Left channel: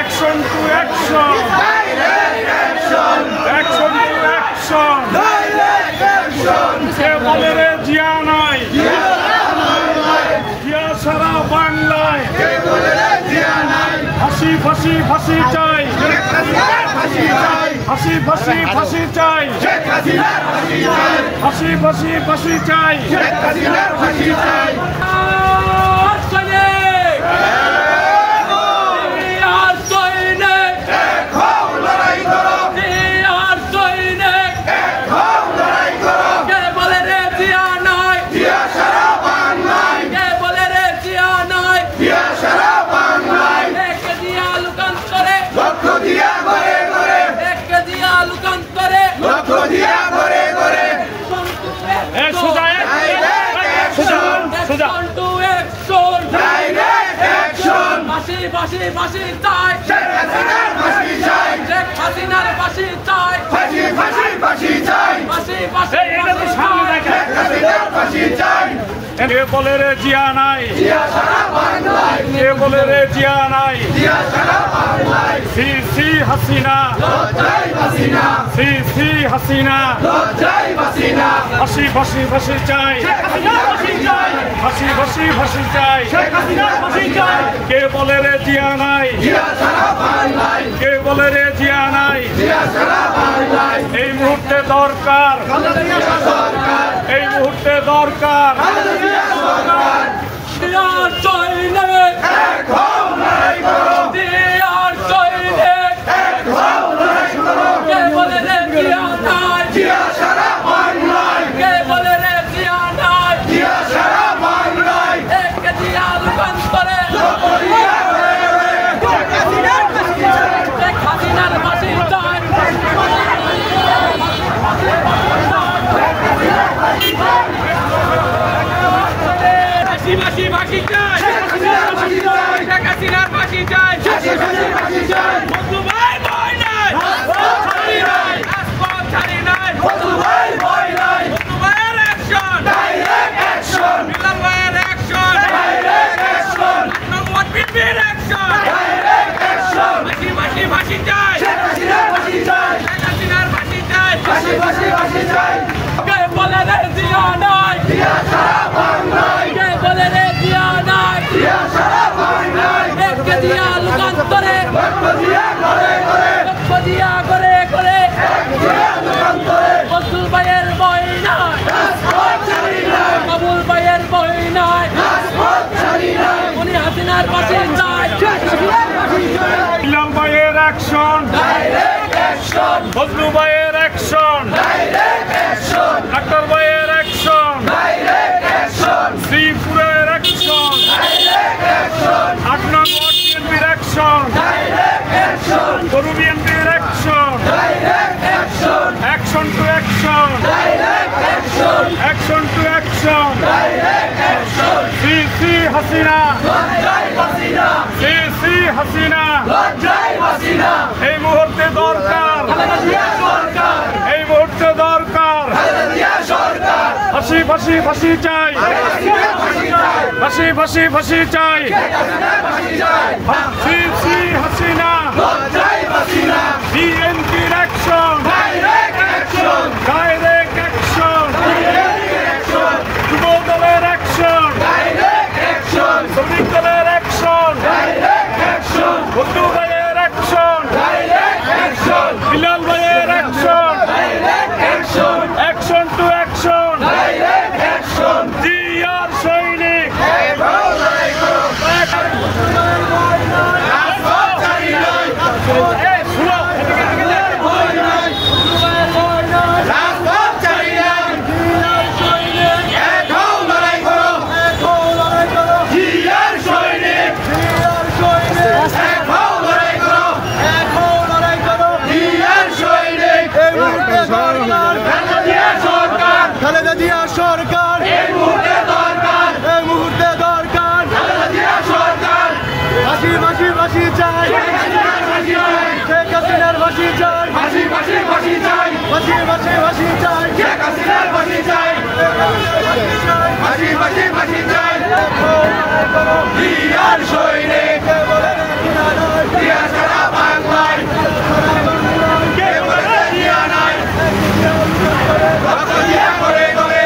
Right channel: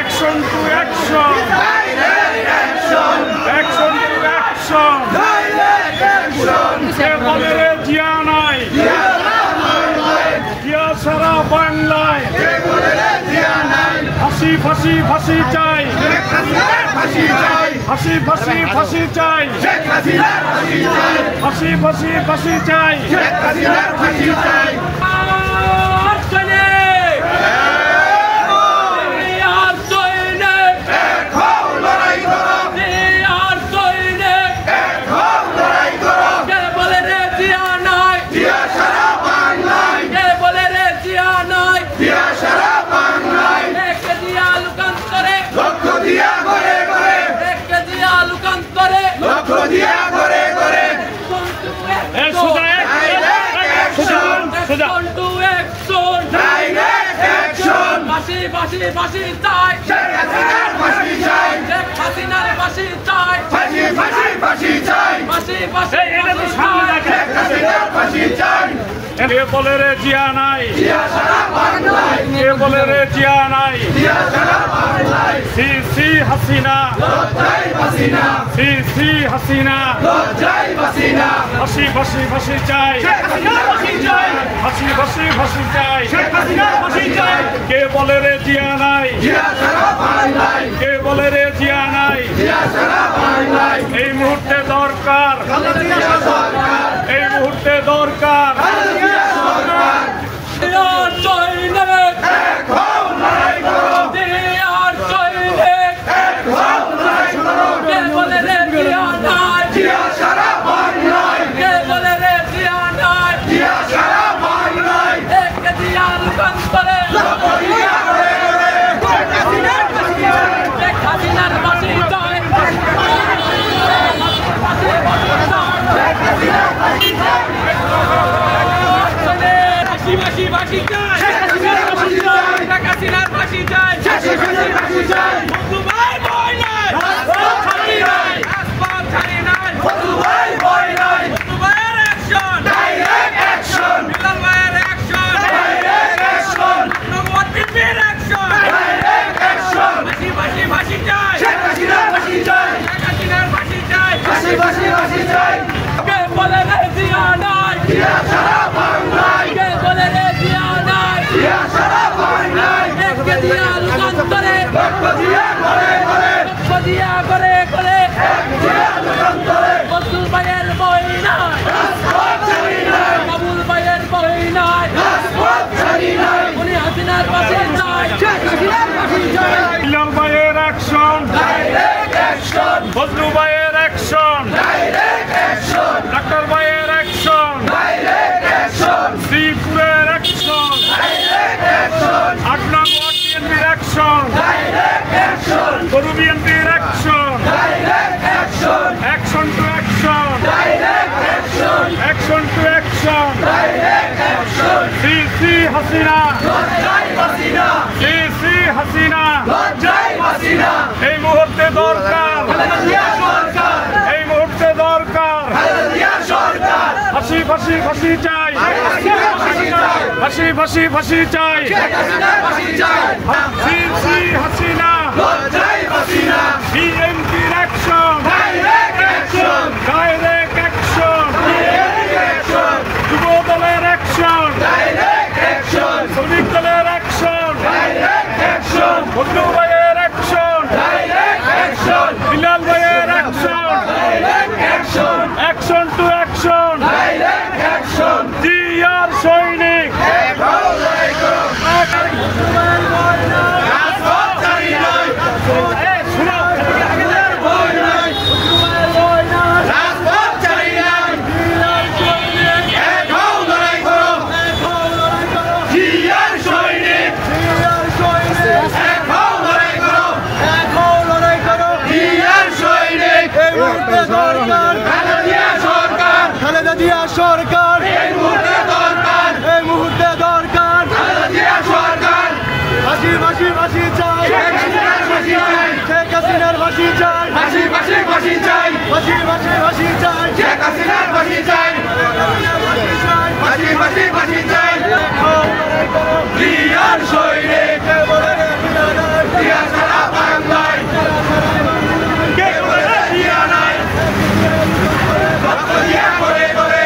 Action to action. Action to action. Direct action. কে বলে রে জিয়া নাই? জিয়া সারা বাংলায়। কে বলে রে জিয়া নাই? ফাঁসি ফাঁসি ফাঁসি চাই। শেখ হাসিনার ফাঁসি চাই। ফাঁসি ফাঁসি ফাঁসি চাই। শেখ হাসিনার ফাঁসি চাই। ফাঁসি ফাঁসি ফাঁসি চাই। শেখ হাসিনার ফাঁসি চাই। ফাঁসি ফাঁসি চাই। শেখ হাসিনার ফাঁসি চাই। শেখ হাসিনার ফাঁসি চাই। ফাঁসি ফাঁসি ফাঁসি চাই। ফাঁসি ফাঁসি ফাঁসি চাই। শেখ হাসিনার ফাঁসি চাই। কে বলে রে জিয়া নাই? জিয়া সারা বাংলায়। কে বলে রে জিয়া নাই? জিয়া সারা বাংলায়। সি সি হাসিনা। লজ্জাই হাসিনা। সি সি হাসিনা। লজ্জাই হাসিনা। ফাঁসি ফাঁসি ফাঁসি চাই। শেখ হাসিনার ফাঁসি চাই। ফাঁসি ফাঁসি ফাঁসি চাই। শেখ হাসিনার ফাঁসি চাই। কে বলে রে জিয়া নাই? জিয়া সারা বাংলায়। কে বলে রে জিয়া নাই? জিয়া সারা বাংলায়। এই মুহূর্তে দরকার। খালেদা জিয়া সরকার। এই মুহূর্তে দরকার। খালেদা জিয়া সরকার। জিয়ার সৈনিক এক হও লড়াই করো। জিয়ার সৈনিক এক হও লড়াই করো। কে বলে রে জিয়া নাই? জিয়া সারা বাংলায়। কে বলে রে জিয়া নাই? জিয়া সারা বাংলায়। একে জিয়া রূপান্তরে জিয়া করে করে। শেখ হাসিনার ফাঁসি চাই। শেখ হাসিনার ফাঁসি চাই। ফাঁসি ফাঁসি চাই। শেখ হাসিনার ফাঁসি চাই। শেখ হাসিনার ফাঁসি চাই। শেখ হাসিনার ফাঁসি চাই। বন্ধু ভাই বই নাই। রাজপথ ছাড়ি নাই। রাজপথ ছাড়ি নাই। বন্ধু ভাই ভয় নাই। বন্ধু ভাইয়ের অ্যাকশন। Direct action. বিলাল ভাইয়ের অ্যাকশন। Direct action. নবদ্বীপের অ্যাকশন। Direct action. ফাঁসি ফাঁসি ফাঁসি চাই। শেখ হাসিনার ফাঁসি চাই। শেখ হাসিনার ফাঁসি চাই। ফাঁসি ফাঁসি ফাঁসি চাই। কে বলে রে জিয়া নাই? জিয়া সারা বাংলায়। কে বলে রে জিয়া নাই? জিয়া সারা বাংলায়। একে জিয়া রূপান্তরে রক্ত দিয়া করে করে। রক্ত দিয়া করে করে জিয়া যুগান্তরে। বন্ধু ভাইয়ের বই নাই। রাজপথ ছাড়ি নাই। কাবুল ভাইয়ের বই নাই। রাজপথ ছাড়ি নাই। উনি হাসিনার ফাঁসি চাই। শেখ হাসিনার ফাঁসি চাই। বিলাল ভাইয়ের অ্যাকশন। Direct action. বজলু ভাইয়ের অ্যাকশন। Direct action. ডাক্তার ভাইয়ের অ্যাকশন। Direct action. শ্রীপুরের অ্যাকশন। Direct action. 8 নং ওয়ার্ড বিএনপির অ্যাকশন। Direct action. গরু বিএনপির action. Direct action. Action to action. Direct action. Action to action. Direct action. সি সি হাসিনা। লজ্জাই হাসিনা। সি সি হাসিনা। লজ্জাই হাসিনা। এই মুহূর্তে দরকার। খালেদা জিয়া সরকার। এই মুহূর্তে দরকার। খালেদা জিয়া সরকার। ফাঁসি ফাঁসি ফাঁসি চাই। হাসিনার ফাঁসি চাই। ফাঁসি ফাঁসি ফাঁসি চাই। শেখ হাসিনার ফাঁসি চাই। সি সি হাসিনা। লজ্জাই হাসিনা। বিএনপির action. Direct action. Direct action. Direct action. যুব দলের অ্যাকশন। Direct action. শ্রমিক দলের অ্যাকশন। Direct action. বন্ধু ভাইয়ের অ্যাকশন। Direct action. বিলাল ভাইয়ের action. Direct action. Action to action. Direct action. জিয়ার সৈনিক। এক হও লড়াই করো। রাজপথ ছাড়ি নাই। ভয় নাই। রাজপথ ছাড়ি নাই। এক হও লড়াই করো। জিয়ার সৈনিক। এক হও লড়াই করো। জিয়ার সৈনিক। এই মুহূর্তে দরকার খালেদা জিয়া সরকার। খালেদা জিয়া সরকার এই মুহূর্তে দরকার। এই মুহূর্তে দরকার খালেদা জিয়া সরকার। ফাঁসি ফাঁসি ফাঁসি চাই শেখ হাসিনার ফাঁসি চাই ফাঁসি ফাঁসি ফাঁসি চাই ফাঁসি ফাঁসি ফাঁসি চাই শেখ হাসিনার ফাঁসি চাই ফাঁসি ফাঁসি ফাঁসি চাই জিয়ার সৈনিক কে বলে জিয়া নাই জিয়া সারা বাংলায় কে বলে জিয়া নাই রক্ত দিয়া করে করে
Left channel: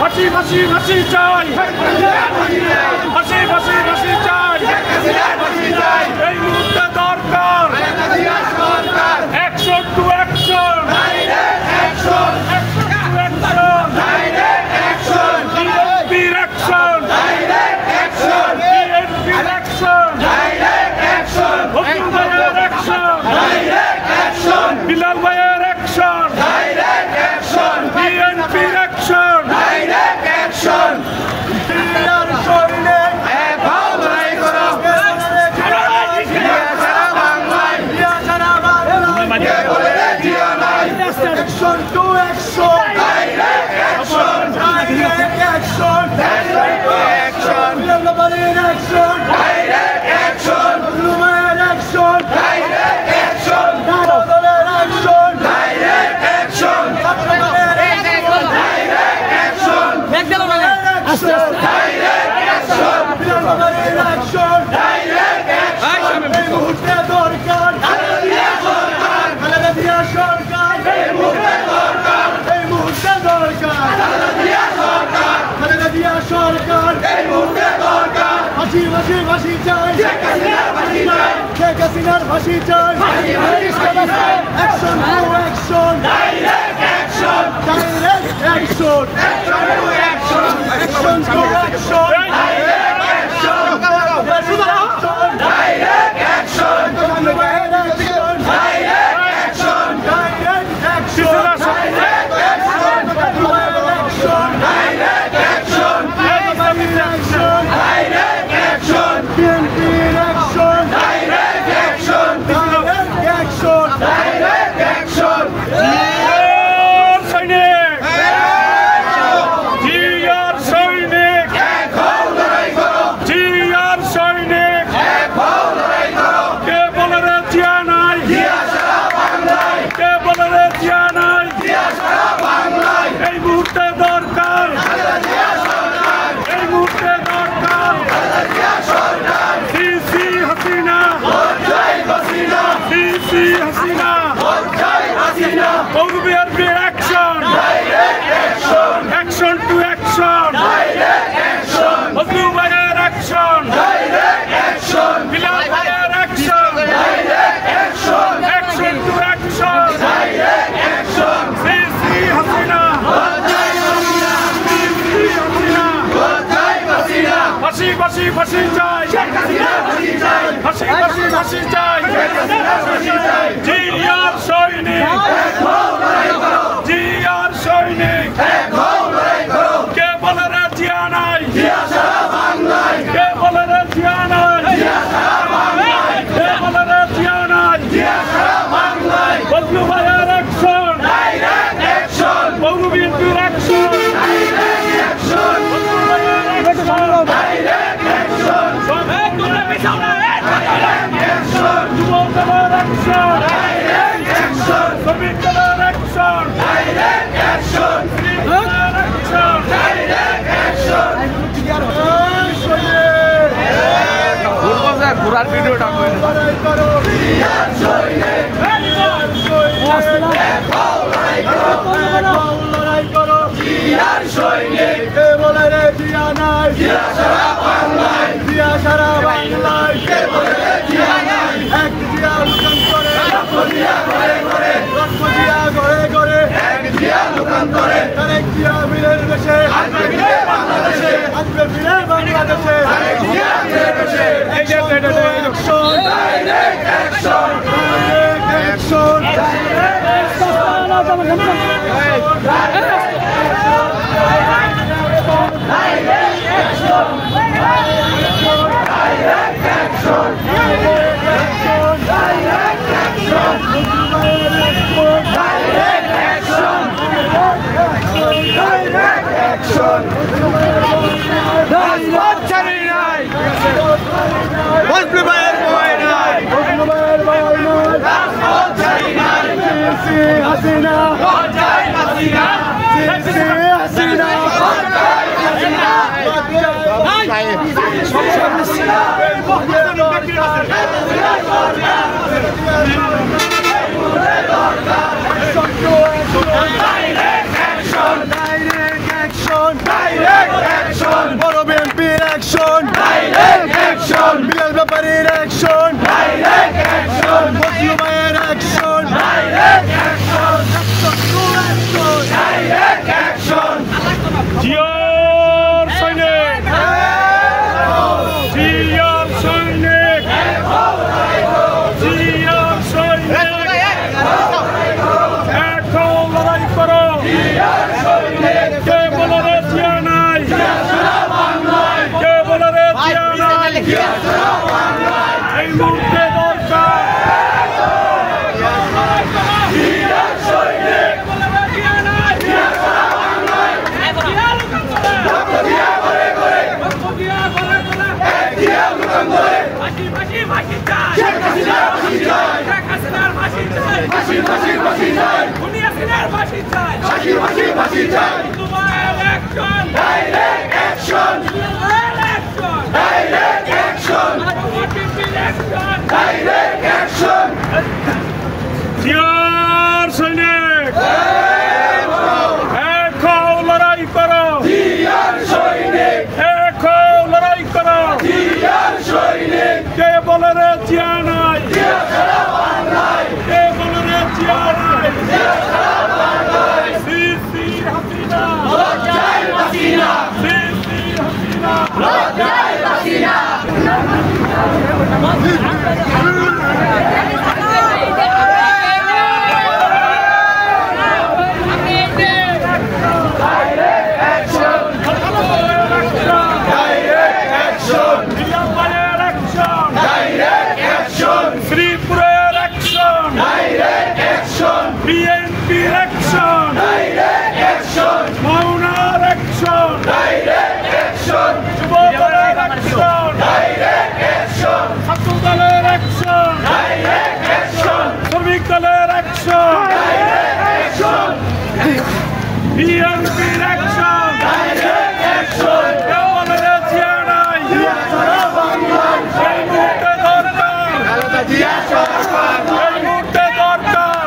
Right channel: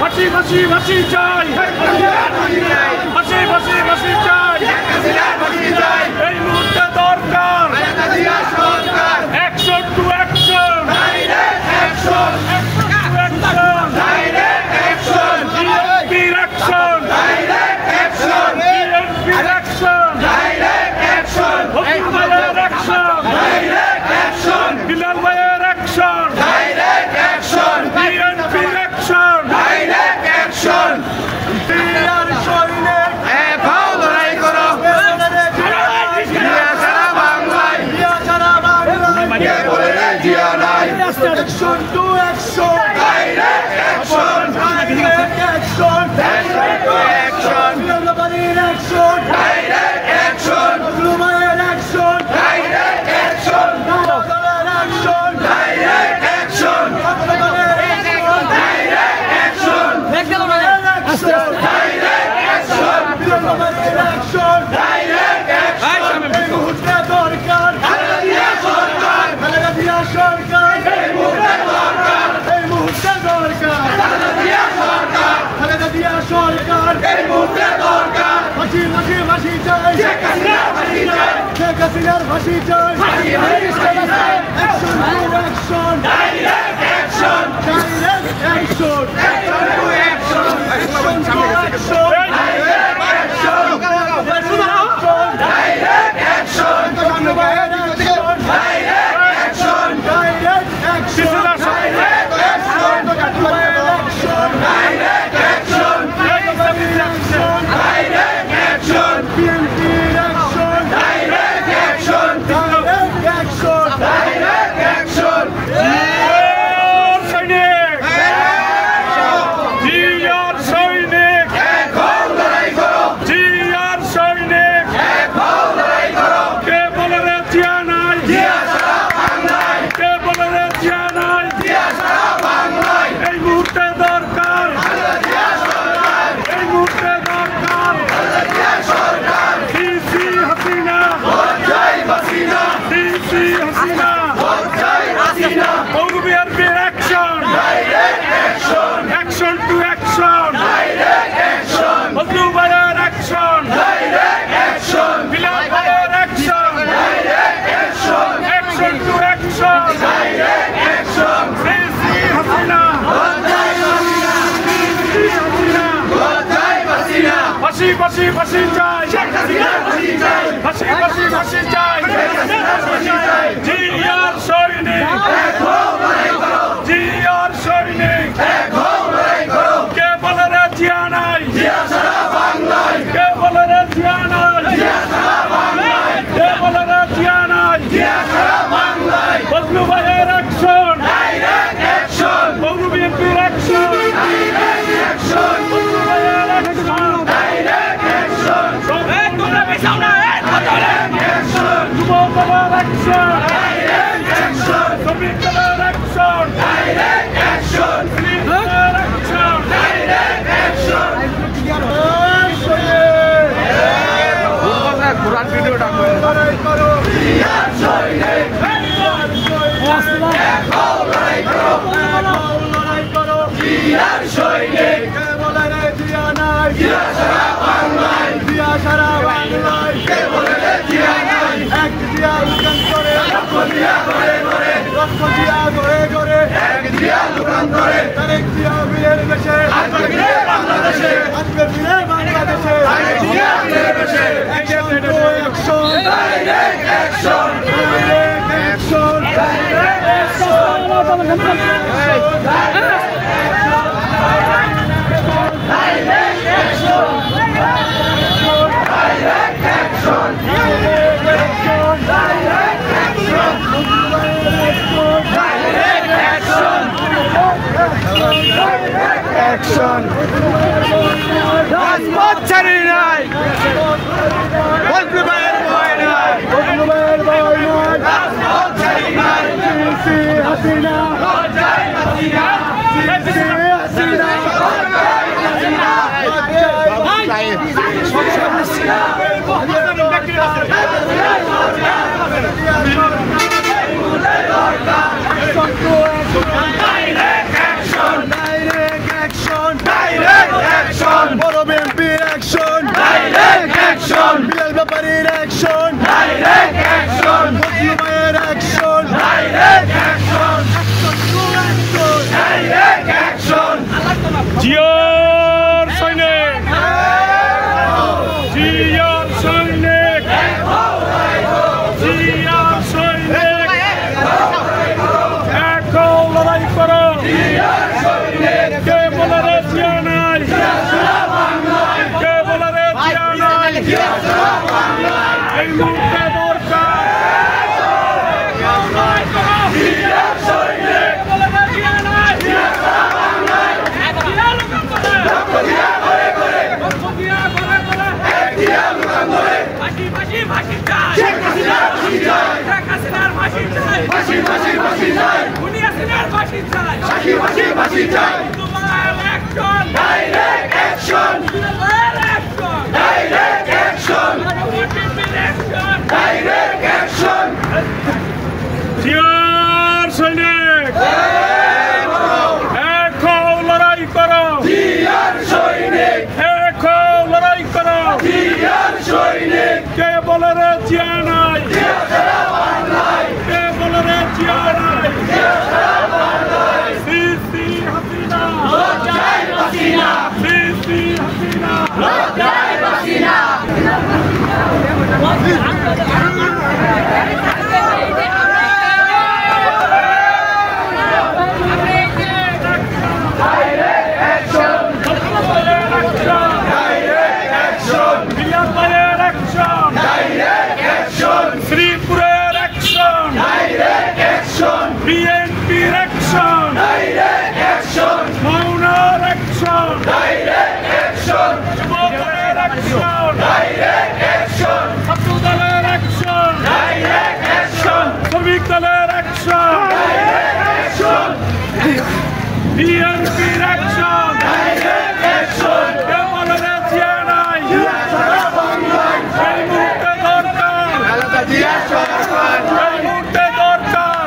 ফাঁসি ফাঁসি ফাঁসি চাই ফাঁসি ফাঁসি ফাঁসি চাই এই মুহূর্তে দরকার action to action action to action বিএনপির অ্যাকশন বিএনপির অ্যাকশন হসুর ভাইয়ের অ্যাকশন বিলাল ভাইয়ের অ্যাকশন বিএনপির অ্যাকশন জিয়ার সৈনিক Action to action! Action! Action! Action! Everybody in action! Direct action! Human action! Direct action! Direct action! Direct action! Direct action! Direct action! Direct action! Direct action! Sheikh হাসিনার ফাঁসি চাই action to action direct action Action to action. Direct action. Mazlumar action. Direct action. Bilal action. Direct action. Action to action. Direct action. Sisi Hasina. Bajai Hasina. Bajai Hasina. Fashi fashi fashi jai. Sheikh Hasina fashi jai. Fashi fashi fashi jai. Sheikh Hasina fashi jai. Jiyar Shoini. Jiyar Shoini. Zia নাই কে বলে রে জিয়া নাই সিসি হাসিনা সিসি হাসিনা শ্রীপুরের action বিএনপির action মাওনার অ্যাকশন যুব দলের অ্যাকশন ছাত্র দলের অ্যাকশন শ্রমিক দলের অ্যাকশন বিএনপির অ্যাকশন কেবল জিয়া নাই এই মুহূর্তে দরকার এই মুহূর্তে দরকার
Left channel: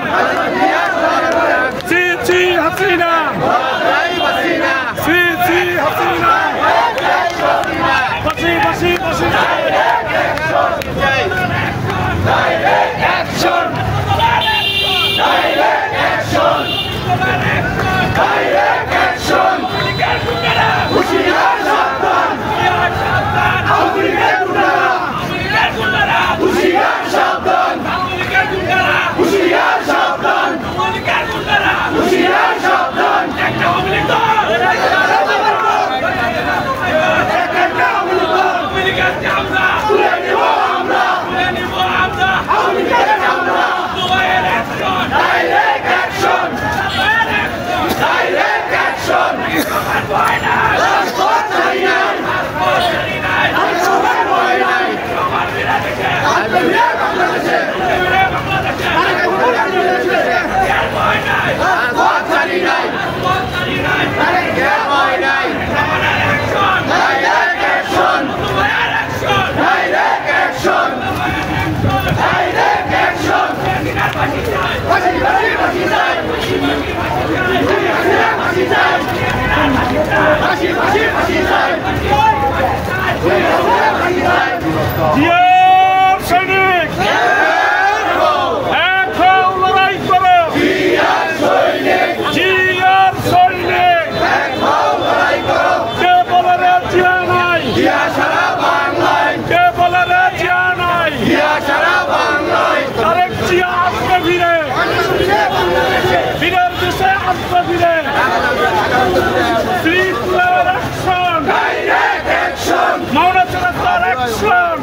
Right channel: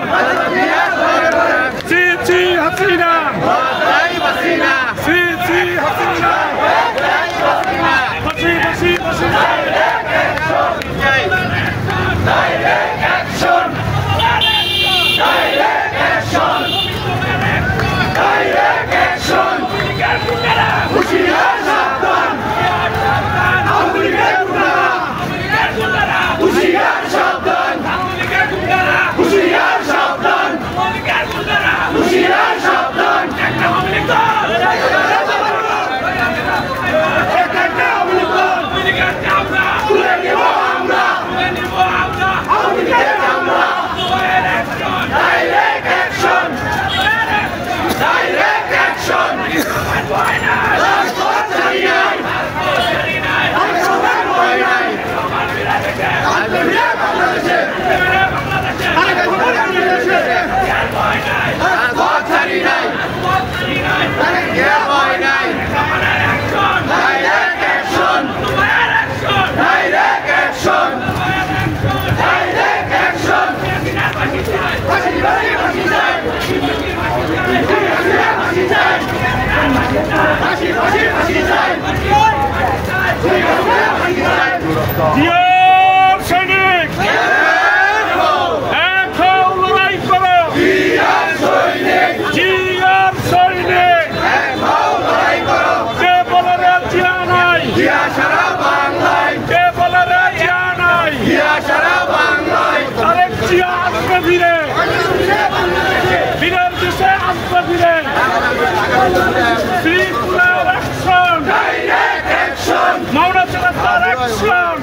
সিসি হাসিনা সিসি হাসিনা ফাঁসি ফাঁসি ফাঁসি জিয়ার সৈনিক এক হও লড়াই করো জিয়ার সৈনিক কে বলে রে জিয়া নাই কে বলে রে জিয়া নাই আরেক জিয়া আসবে ফিরে ফিরের দেশে আসবে ফিরে শ্রীপুরের অ্যাকশন মাওনা চৌরাস্তার অ্যাকশন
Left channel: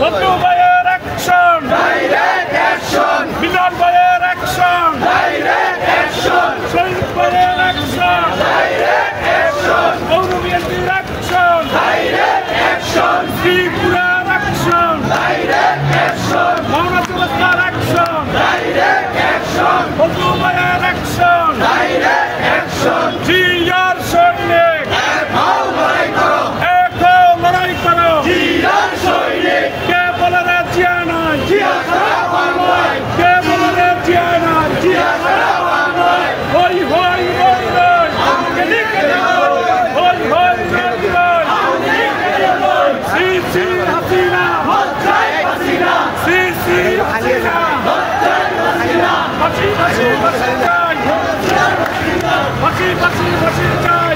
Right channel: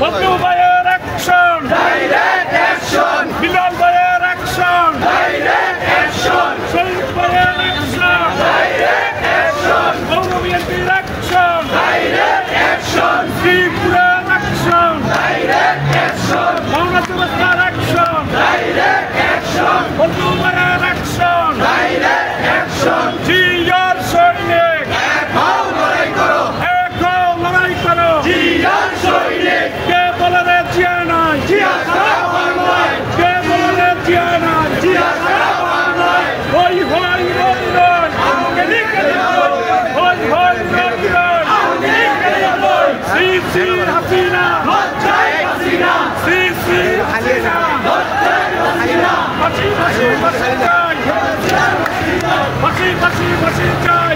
বন্ধু ভাইয়ের অ্যাকশন বিলাল ভাইয়ের অ্যাকশন শহীদ ভাইয়ের অ্যাকশন পৌর বিএনপির অ্যাকশন শ্রীপুরের অ্যাকশন মাওনা চৌরাস্তার অ্যাকশন বন্ধু ভাইয়ের অ্যাকশন জিয়ার সৈনিক লড়াই করো কে বলে রে জিয়া নাই কে বলে রে জিয়া নাই হই হই হই হই হই সিসি হাসিনা সিসি হাসিনা ফাঁসি ফাঁসি ফাঁসি চাই ফাঁসি ফাঁসি ফাঁসি চাই